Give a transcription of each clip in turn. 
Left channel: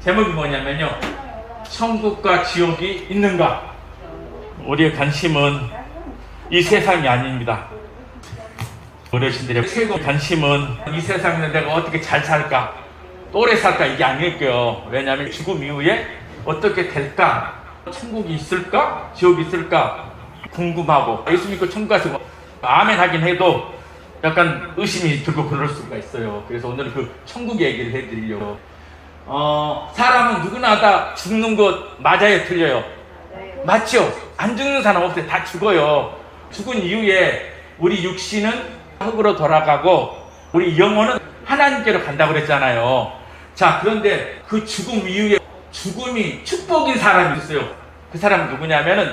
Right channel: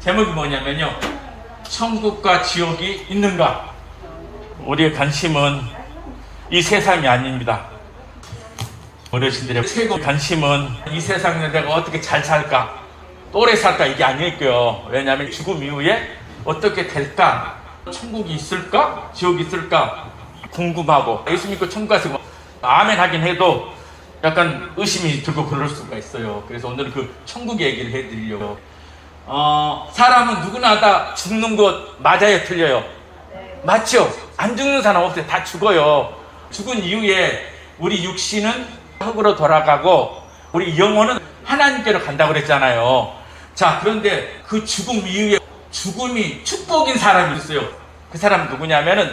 제목이 뭐냐면요, 천국과 지옥이 있는가? 우리의 관심은 이 세상이 아닙니다. 어르신들의 최고 관심은 이 세상에 내가 어떻게 잘 살까, 오래 살까, 이게 아닐게요. 왜냐하면 죽음 이후에 어떻게 될까, 천국이 있을까, 지옥이 있을까 궁금하고, 예수 믿고 천국 가시고 아멘 하긴 해도 약간 의심이 들고 그럴 수가 있어요. 그래서 오늘은 그 천국 얘기를 해드리려고. 사람은 누구나 다 죽는 것 맞아요, 틀려요? 맞죠? 안 죽는 사람 없어요. 다 죽어요. 죽은 이후에 우리 육신은 흙으로 돌아가고 우리 영혼은 하나님께로 간다고 그랬잖아요. 자, 그런데 그 죽음 이후에 죽음이 축복인 사람이 있어요. 그 사람은 누구냐면은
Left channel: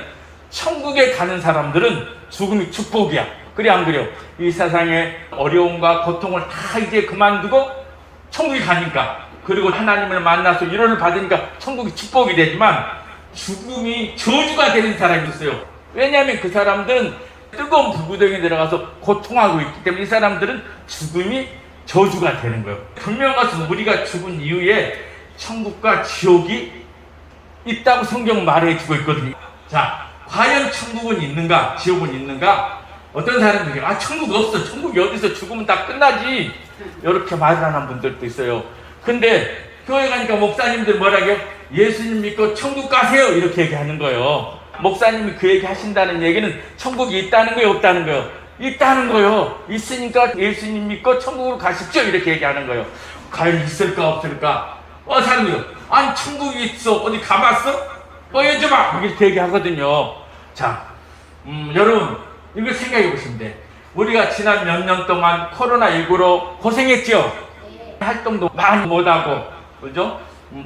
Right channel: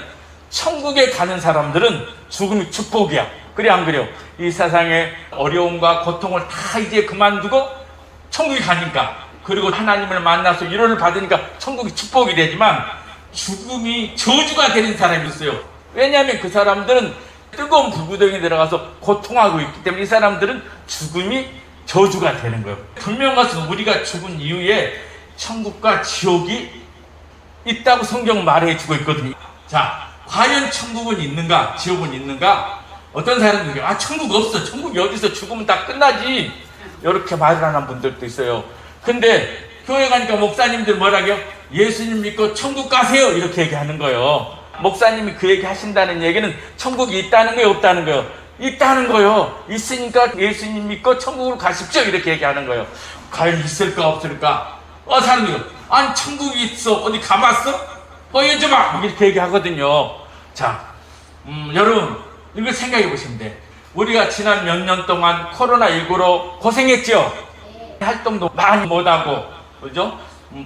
천국에 가는 사람들은 죽음이 축복이야. 그래 안 그래요? 이 세상의 어려움과 고통을 다 이제 그만두고 천국에 가니까, 그리고 하나님을 만나서 위로를 받으니까 천국이 축복이 되지만 죽음이 저주가 되는 사람이 있어요. 왜냐하면 그 사람들은 뜨거운 불구덩이에 들어가서 고통하고 있기 때문에 이 사람들은 죽음이 저주가 되는 거예요. 분명한 것은 우리가 죽은 이후에 천국과 지옥이 있다고 성경은 말해주고 있거든요. 자, 과연 천국은 있는가, 지옥은 있는가? 어떤 사람들이 천국 없어, 천국이 어디서, 죽으면 다 끝나지, 이렇게 말을 하는 분들도 있어요. 근데 교회 가니까 목사님들 뭐라고요? 예수님 믿고 천국 가세요, 이렇게 얘기하는 거예요. 목사님이 그 얘기 하신다는 얘기는 천국이 있다는 거예요, 없다는 거예요? 있다는 거예요. 있으니까 예수님 믿고 천국으로 가십시오, 이렇게 얘기하는 거예요. 과연 있을까 없을까? 사람들이 아니 천국이 있어, 어디 가봤어? 보여줘봐, 이렇게 얘기하거든요. 자, 여러분 이거 생각해 보시면 돼. 우리가 지난 몇 년 동안 코로나19로 고생했죠. 활동도 많이 못하고, 그죠?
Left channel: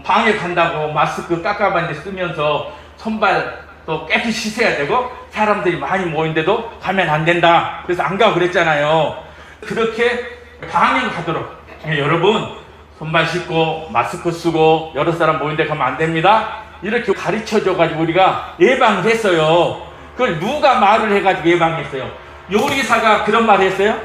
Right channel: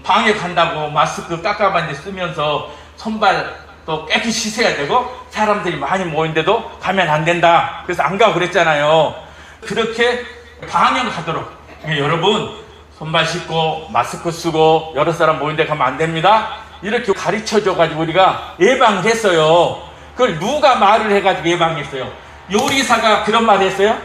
방역한다고 마스크 깎아봤는데 쓰면서 손발 또 깨끗이 씻어야 되고, 사람들이 많이 모인데도 가면 안 된다, 그래서 안 가고 그랬잖아요. 그렇게 방역하도록, 여러분 손발 씻고 마스크 쓰고 여러 사람 모인데 가면 안 됩니다, 이렇게 가르쳐줘가지고 우리가 예방했어요. 그걸 누가 말을 해가지고 예방했어요? 요리사가 그런 말을 했어요?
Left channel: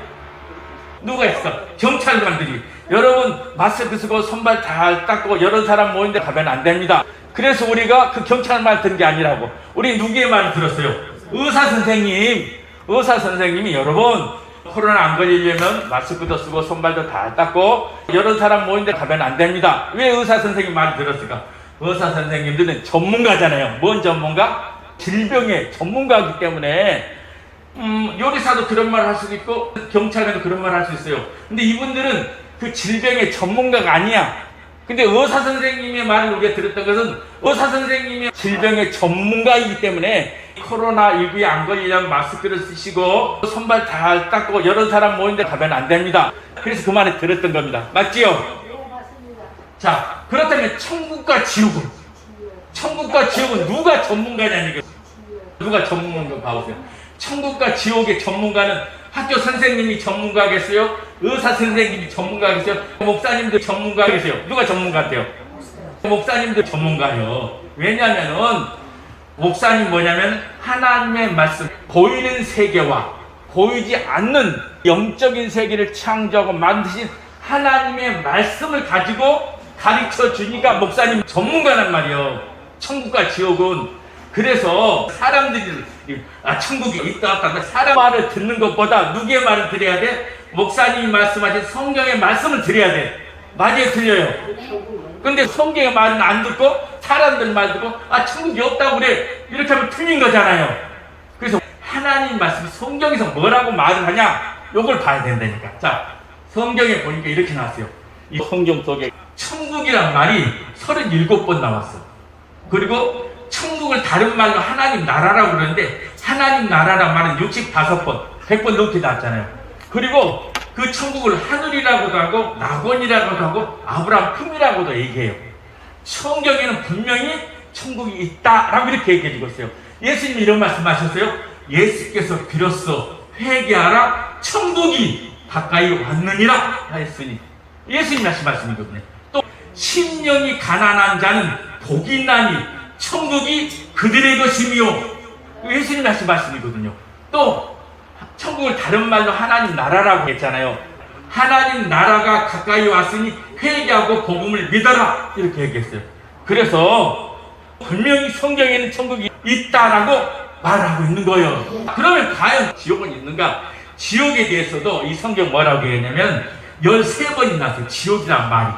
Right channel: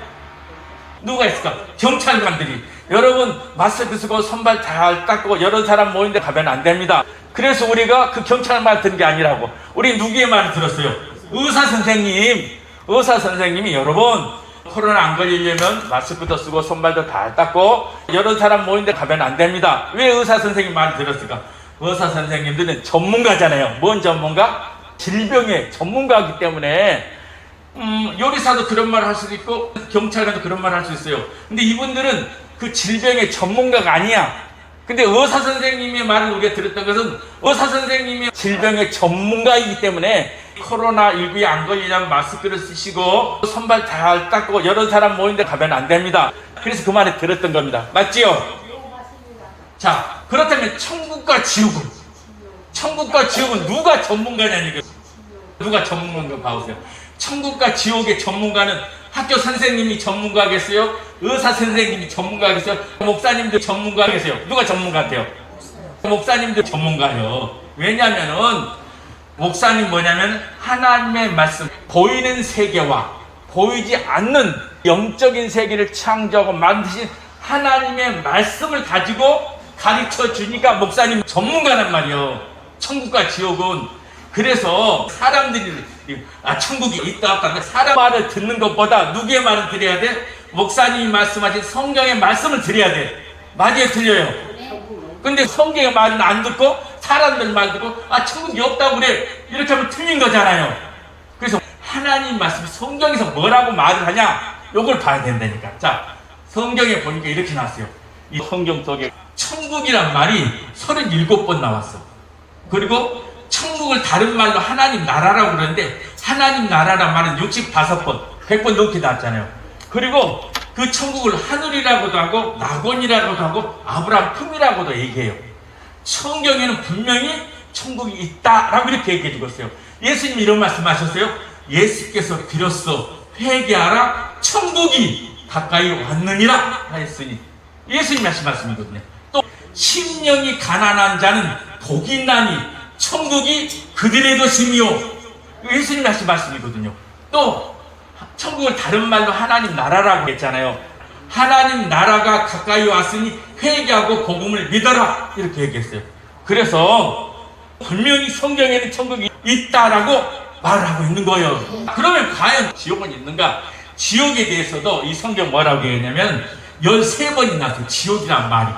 누가 했을까? 경찰관들이. 여러분 마스크 쓰고 손발 잘 닦고 여러 사람 모인데 가면 안 됩니다. 그래서 우리가 그 경찰 말 듣는 게 아니라고, 우리 누구의 말을 들었어요? 의사 선생님이 여러분 코로나 안 걸리려면 마스크도 쓰고 손발도 잘 닦고 여러 사람 모인데 가면 안 됩니다. 왜 의사 선생님 말을 들었을까? 의사 선생님들은 전문가잖아요. 뭔 전문가? 질병의 전문가이기 때문에 요리사도 그런 말을 할 수도 있고 경찰관도 그런 말을 할 수 있어요. 근데 이분들은 그 질병의 전문가가 아니야. 근데 의사 선생님의 말을 우리가 들었던 것은 의사 선생님이 질병의 전문가이기 때문에 코로나19에 안 걸리려면 마스크를 쓰시고 손발 잘 닦고 여러 사람 모이는데 가면 안 됩니다. 그래서 그 말을 들었던 겁니다. 맞지요? 네, 맞습니다. 자, 그렇다면 천국과 지옥은 누가 전문가냐는 거예요. 누가 전문가인가 봐보세요. 천국과 지옥의 전문가는 학교 선생님이 전문가겠어요? 의사 선생님이 전문가겠어요? 목사님들 전문가겠어요? 누가 전문가 같아요? 목사님들 전문가요. 왜냐면은 목사님 뭐냐면 하나님의 말씀, 보이는 세계와 보이지 않는 영적인 세계를 창조하고 만드신 하나님의 말씀을 가지고 가르쳐 주니까 목사님 전문가란 말이에요. 천국과 지옥은. 그래서 사람들이 천국이 있다 없다, 사람 말을 듣는 것보다 누구의 말을 들어야 돼? 목사님이 말씀하신 성경의 말씀을 들어야 돼. 맞아요, 틀려요? 근데 성경의 말은 안 듣고 사람들 말 듣고 천국이 없다고 그래, 이렇게 하면 틀린 거잖아요. 그래서 하나님 말씀이 성경에서 뭐라고 말을 하냐, 요걸 봐야 된다니까. 자, 성경에 보니까 이렇게 나왔어요. 이 성경 속에 천국이란 말이 37번 나왔어. 그리고 천국을 다른 말로 하나님 나라라고 그러는데 하나님 나라란 말은 65번, 100번 넘게 나왔잖아요. 그리고 그 천국을 하늘이라고도 하고 낙원이라고도 하고 아브라함 품이라고도 얘기해요. 성경에는 분명히 천국이 있다라고 이렇게 얘기해주고 있어요. 예수님이 이런 말씀하셨어요. 예수께서 비로소 회개하라, 천국이 가까이 왔느니라 하였으니, 예수님 하신 말씀이거든요. 또 심령이 가난한 자는 복이 있나니 천국이 그들의 것이며, 예수님이 하신 말씀이거든요. 또 천국을 다른 말로 하나님 나라라고 했잖아요. 하나님 나라가 가까이 왔으니 회개하고 복음을 믿어라 이렇게 얘기했어요. 그래서 분명히 성경에는 천국이 있다라고 말하고 있는 거예요. 그러면 과연 지옥은 있는가? 지옥에 대해서도 이 성경 뭐라고 했냐면 13번이 나왔어요. 지옥이란 말이.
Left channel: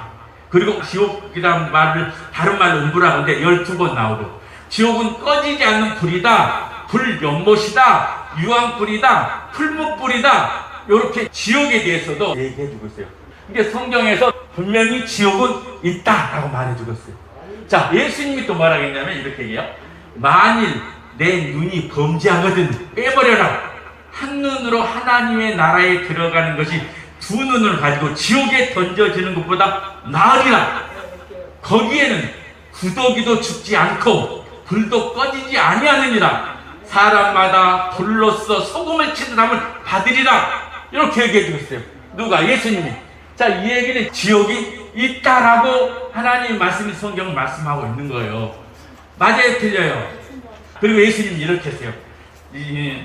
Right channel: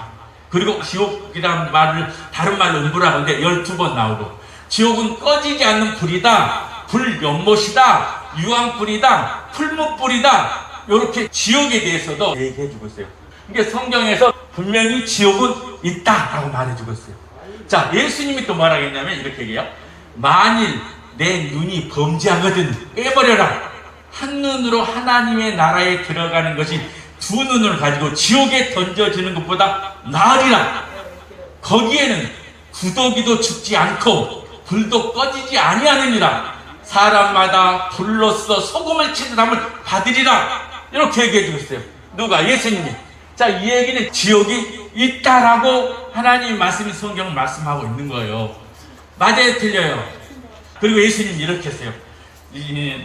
그리고 지옥이란 말을 다른 말로 음부라고 하는데 12번 나오고, 지옥은 꺼지지 않는 불이다, 불연못이다, 유황불이다, 풀무불이다, 이렇게 지옥에 대해서도 얘기해주고 있어요. 이게 성경에서 분명히 지옥은 있다라고 말해주고 있어요. 자, 예수님이 또 뭐라고 했냐면 이렇게 얘기해요. 만일 내 눈이 범죄하거든 빼버려라. 한 눈으로 하나님의 나라에 들어가는 것이 두 눈을 가지고 지옥에 던져지는 것보다 나으리라. 거기에는 구더기도 죽지 않고 불도 꺼지지 아니하느니라. 사람마다 불로써 소금을 치는 사람을 받으리라. 이렇게 얘기해주고 있어요. 누가? 예수님이. 자, 이 얘기는 지옥이 있다라고 하나님 말씀이 성경을 말씀하고 있는 거예요. 맞아요? 틀려요? 그리고 예수님이 이렇게 했어요.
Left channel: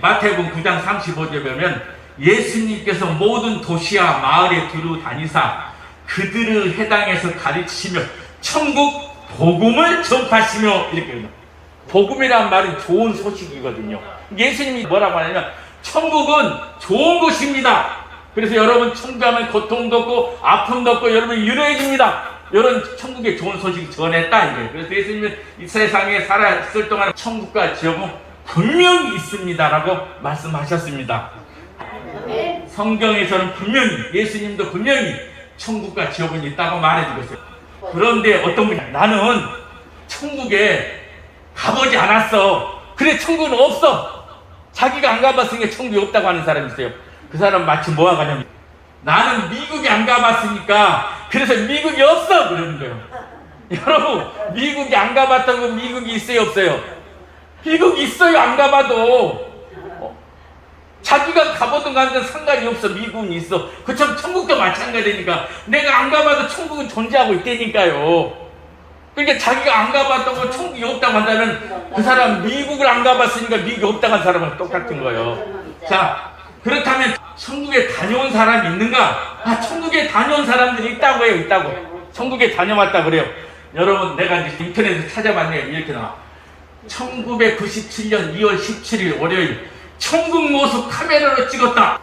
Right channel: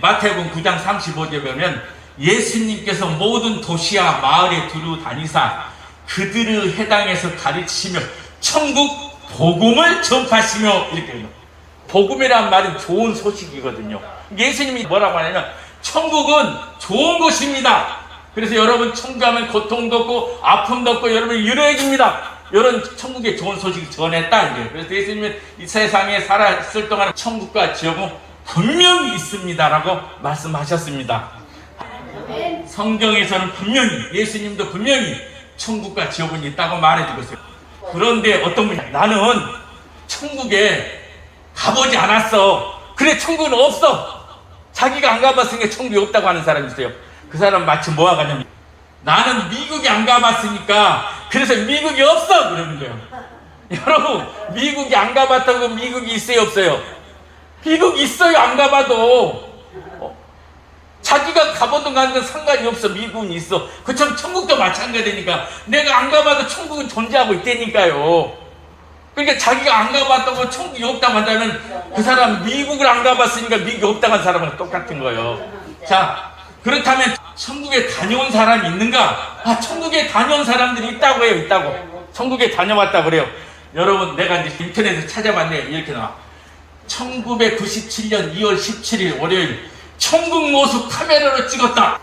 마태복음 9장 35절에 보면 예수님께서 모든 도시와 마을에 두루 다니사 그들의 해당에서 가르치시며 천국 복음을 전파하시며 이렇게 해요. 복음이란 말은 좋은 소식이거든요. 예수님이 뭐라고 하냐면 천국은 좋은 곳입니다. 그래서 여러분 천국하면 고통도 없고 아픔도 없고 여러분이 유로해집니다. 이런 천국의 좋은 소식을 전했다 이거예요. 그래서 예수님은 이 세상에 살아있을 동안 천국과 지옥은 분명히 있습니다라고 말씀하셨습니다. 성경에서는 분명히, 예수님도 분명히 천국과 지옥은 있다고 말해주고 있어요. 그런데 어떤 분이 나는 천국에 가보지 않았어. 그래, 천국은 없어. 자기가 안 가봤으니까 천국이 없다고 하는 사람이 있어요. 그 사람 마치 뭐하고 하냐면 나는 미국에 안 가봤으니까 그래서 미국이 없어 그러는 거예요. 여러분, 미국이 안 가봤다고 미국이 있어요 없어요? 미국이 있어요. 안 가봐도. 자기가 가보든 가든 상관이 없어. 미국은 있어. 그처럼 천국도 마찬가지니까 내가 안 가봐도 천국은 존재하고 있다니까요. 그러니까 자기가 안 가봤다고 천국이 없다고 한다면 그 사람 미국을 안 가봤으니까 미국이 없다고 한 사람은 똑같은 거예요. 자, 그렇다면 천국에 다녀온 사람이 있는가? 천국에 다녀온 사람들이 있다고 해요. 있다고. 천국에 다녀왔다 그래요. 여러분, 내가 이제 인터넷에서 찾아봤네요. 이렇게 나와. 1997년 2월 17일 월요일 천국 모습 카메라로 찍었다.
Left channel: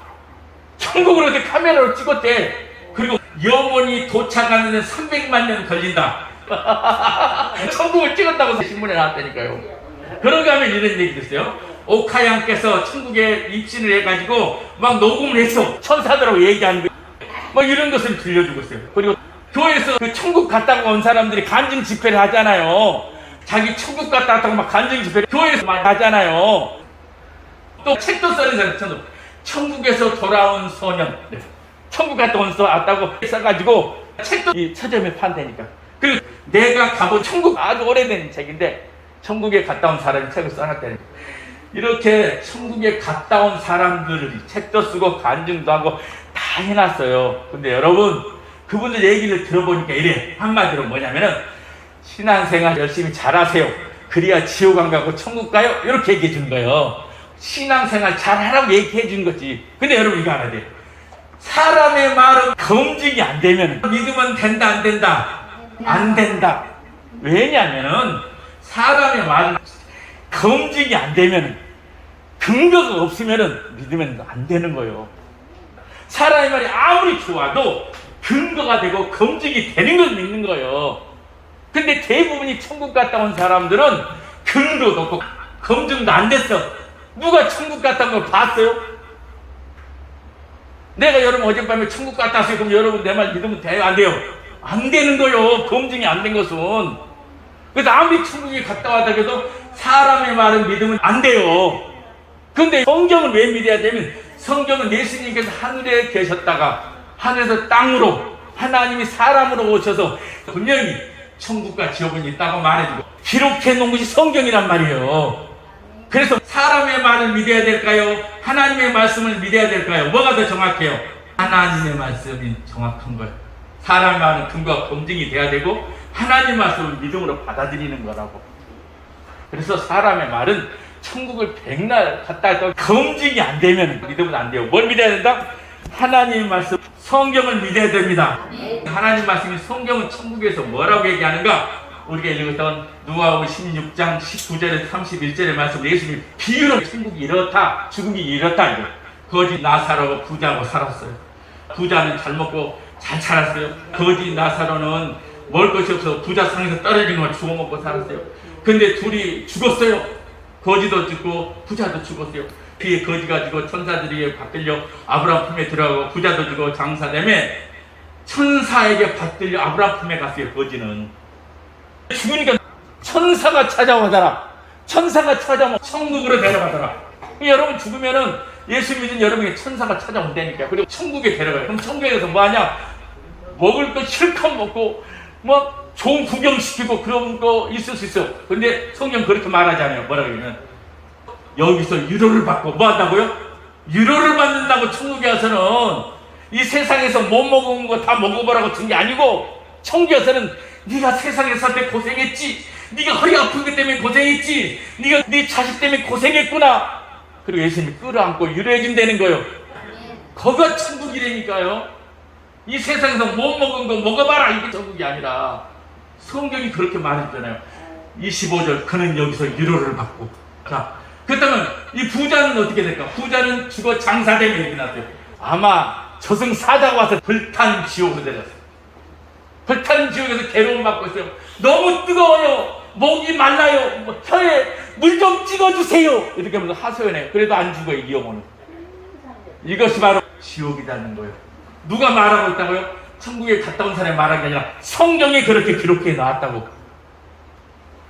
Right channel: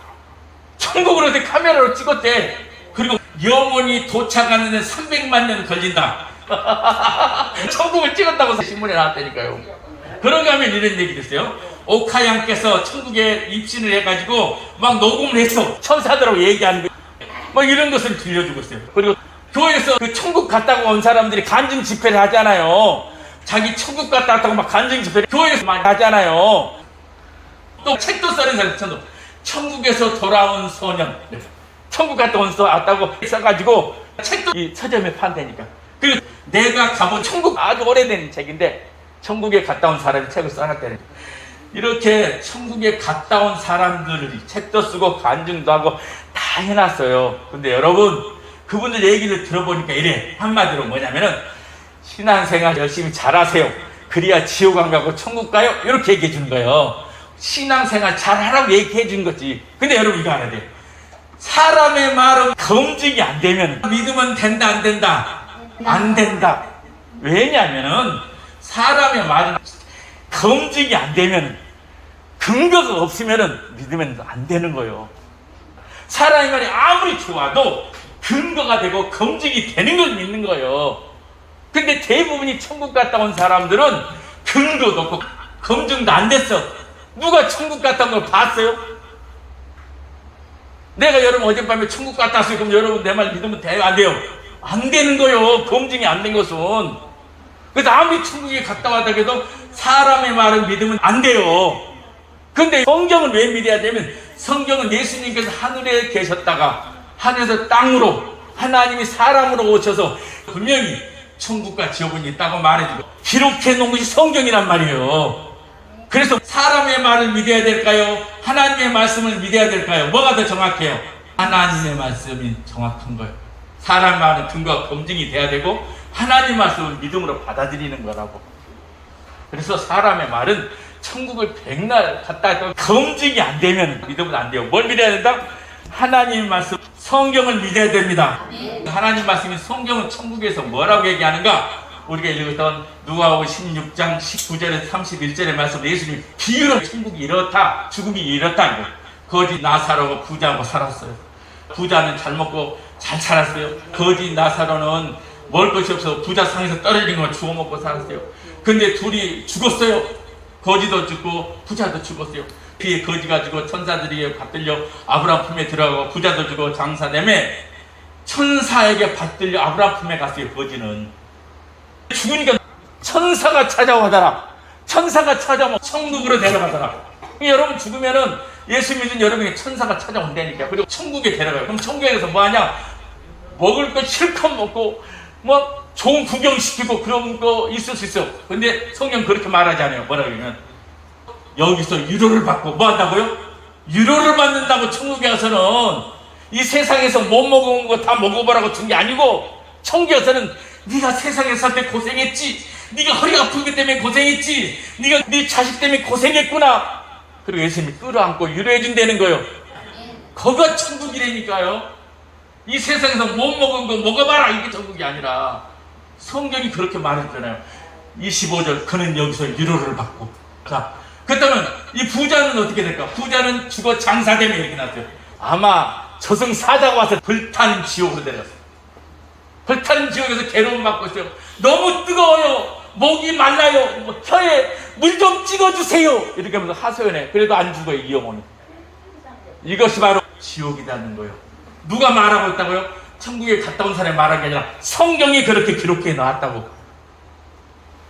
천국으로 카메라로 찍었대. 그리고 영원히 도착하는 데 300만 년 걸린다. 천국을 찍었다고 신문에 나왔다니까요. 그런가 하면 이런 얘기도 있어요. 오카양께서 천국에 입신을 해가지고 막 녹음을 했어. 천사들하고 얘기하는 거. 뭐 이런 것을 들려주고 있어요. 그리고 교회에서 그 천국 갔다가 온 사람들이 간증 집회를 하잖아요. 자기 천국 갔다 왔다고 막 간증 집회를 교회에서 많이 하잖아요. 또 책도 써는 사람, 천국에서 돌아온 소년. 천국 갔다 왔다고 써가지고 책도 이 서점에 판다니까. 그리고 내가 가본 천국 아주 오래된 책인데 천국에 갔다 온 사람이 책을 써놨다니까. 이렇게 천국에 갔다 온 사람들이 책도 쓰고 간증도 하고 다 해놨어요. 근데 여러분, 그분들 얘기를 들어보니까 이래. 한마디로 뭐냐면은 신앙생활 열심히 잘하세요. 그래야 지옥 안 가고 천국 가요. 이렇게 얘기해 준 거예요. 신앙생활 잘하라고 얘기해 준 거지. 근데 여러분 이거 알아야 돼요. 사람의 말은 검증이 안 되면 믿으면 된다 안 된다? 안 된다. 왜냐면은 사람의 말은 검증이 안 되면 근거가 없으면은 믿으면 안 되는 거예요. 사람의 말이 아무리 좋아도 근거가 되고 검증이 되는 걸 믿는 거예요. 근데 대부분이 천국 갔다 온 사람들은 근거도 없고 검증도 안 됐어. 누가 천국 갔다 온 걸 봤어요? 내가 여러분 어젯밤에 천국 갔다 왔어요. 그럼 여러분 내 말 믿으면 돼요? 안 돼요? 안 되는 거예요. 검증이 안 된 것은. 그래서 아무리 천국에 갔다 왔다 해도 사람의 말은 믿으면 안 돼요. 근데 성경은 왜 믿어야 되면 성경은 예수님께서 하늘에 계셨다가 하늘에서 땅으로 하나님이 사람으로 오셔서 분명히 천국과 지옥은 있다고 말해주고 기록해 놓은 것이 성경이란 말이에요. 그래서 사람의 말을 믿어야 될까요? 하나님의 말씀을 믿어야 될까요? 뭐가 더 정확해요? 하나님의 말씀이 정확한 거예요. 사람의 말은 근거가 검증이 돼야 되고 하나님의 말씀을 믿음으로 받아들이는 거라고. 그래서 사람의 말은 천국을 백날 갔다 했다가 검증이 안 되면 믿으면 안 돼요. 뭘 믿어야 된다? 하나님 말씀, 성경을 믿어야 됩니다. 하나님 말씀이 성경은 천국에서 뭐라고 얘기하는가? 우리가 읽었던 누가복음 16장 19절에서 31절의 말씀, 예수님이 비유로 천국이 이렇다, 죽음이 이렇다, 이거. 거지 나사로 부자하고 살았어요. 부자는 잘 먹고 잘 살았어요. 거지 나사로는 먹을 것이 없어서 부자 상에서 떨어진 거 주워 먹고 살았어요. 근데 둘이 죽었어요. 거지도 죽고 부자도 죽었어요. 뒤에 거지가 죽고 천사들이 받들려 아브라함 품에 들어가고, 부자도 죽고 장사되매 천사에게 받들려 아브라함 품에 갔어요. 거지는 죽으니까 천사가 찾아오더라. 천사가 찾아오면 천국으로 데려가더라. 여러분 죽으면은 예수 믿은 여러분에게 천사가 찾아온다니까. 그리고 천국에 데려가요. 그럼 천국에 가서 뭐하냐? 먹을 거 실컷 먹고 뭐 좋은 구경시키고 그런 거 있을 수 있어요. 근데 성경 그렇게 말하지 않아요. 뭐라 그러냐면 여기서 위로를 받고 뭐 한다고요? 위로를 받는다고. 천국에 가서는 이 세상에서 못 먹은 거 다 먹어보라고 준 게 아니고, 천국에 가서는 네가 세상에 살 때 고생했지, 네가 허리 아픈 것 때문에 고생했지, 네가 네 자식 때문에 고생했구나. 그리고 예수님이 끌어안고 위로해 준다는 거예요. 거기가 천국이라니까요. 이 세상에서 못 먹은 거 먹어봐라, 이게 천국이 아니라. 성경이 그렇게 말했잖아요. 25절, 그는 여기서 위로를 받고. 자, 그렇다면 이 부자는 어떻게 될까? 부자는 죽어 장사되면 이렇게 났어요. 아마 저승사자가 와서 불탄 지옥으로 내렸어요. 불탄 지옥에서 괴로움 받고 있어요. 너무 뜨거워요. 목이 말라요. 뭐 혀에 물 좀 찍어주세요. 이렇게 하면서 하소연해. 그래도 안 죽어요, 이 영혼은. 이것이 바로 지옥이라는 거예요. 누가 말하고 있다고요? 천국에 갔다 온 사람이 말한 게 아니라 성경에 그렇게 기록해 놨다고.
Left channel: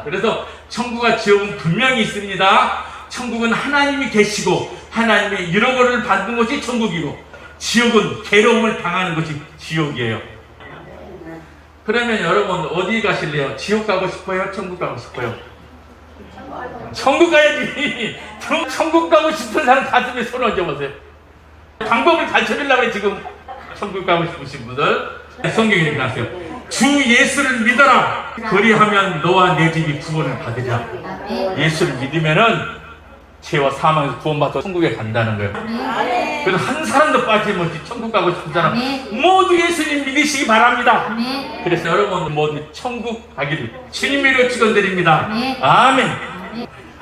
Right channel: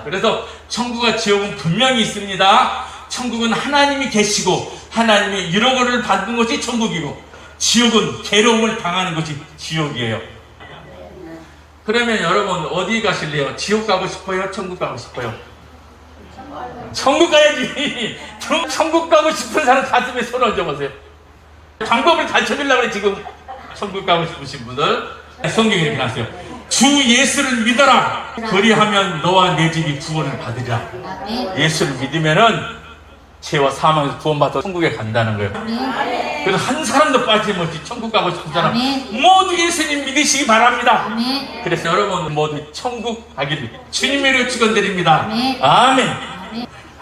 그래서 천국과 지옥은 분명히 있습니다. 천국은 하나님이 계시고 하나님의 위로를 받는 것이 천국이고, 지옥은 괴로움을 당하는 것이 지옥이에요. 그러면 여러분 어디 가실래요? 지옥 가고 싶어요? 천국 가고 싶어요? 천국 가야지. 천국 가고 싶은 사람 가슴에 손을 얹어보세요. 방법을 가르쳐주려고 해. 지금 천국 가고 싶으신 분들, 성경에 이렇게 나왔어요. 주 예수를 믿어라. 그리하면 너와 내 집이 구원을 받으리라. 예수를 믿으면은 죄와 사망에서 구원받아 천국에 간다는 거예요. 그래서 한 사람도 빠짐없이 천국 가고 싶은 사람 모두 예수님 믿으시기 바랍니다. 그래서 여러분 모두 천국 가기를 주님으로 축원드립니다. 아멘.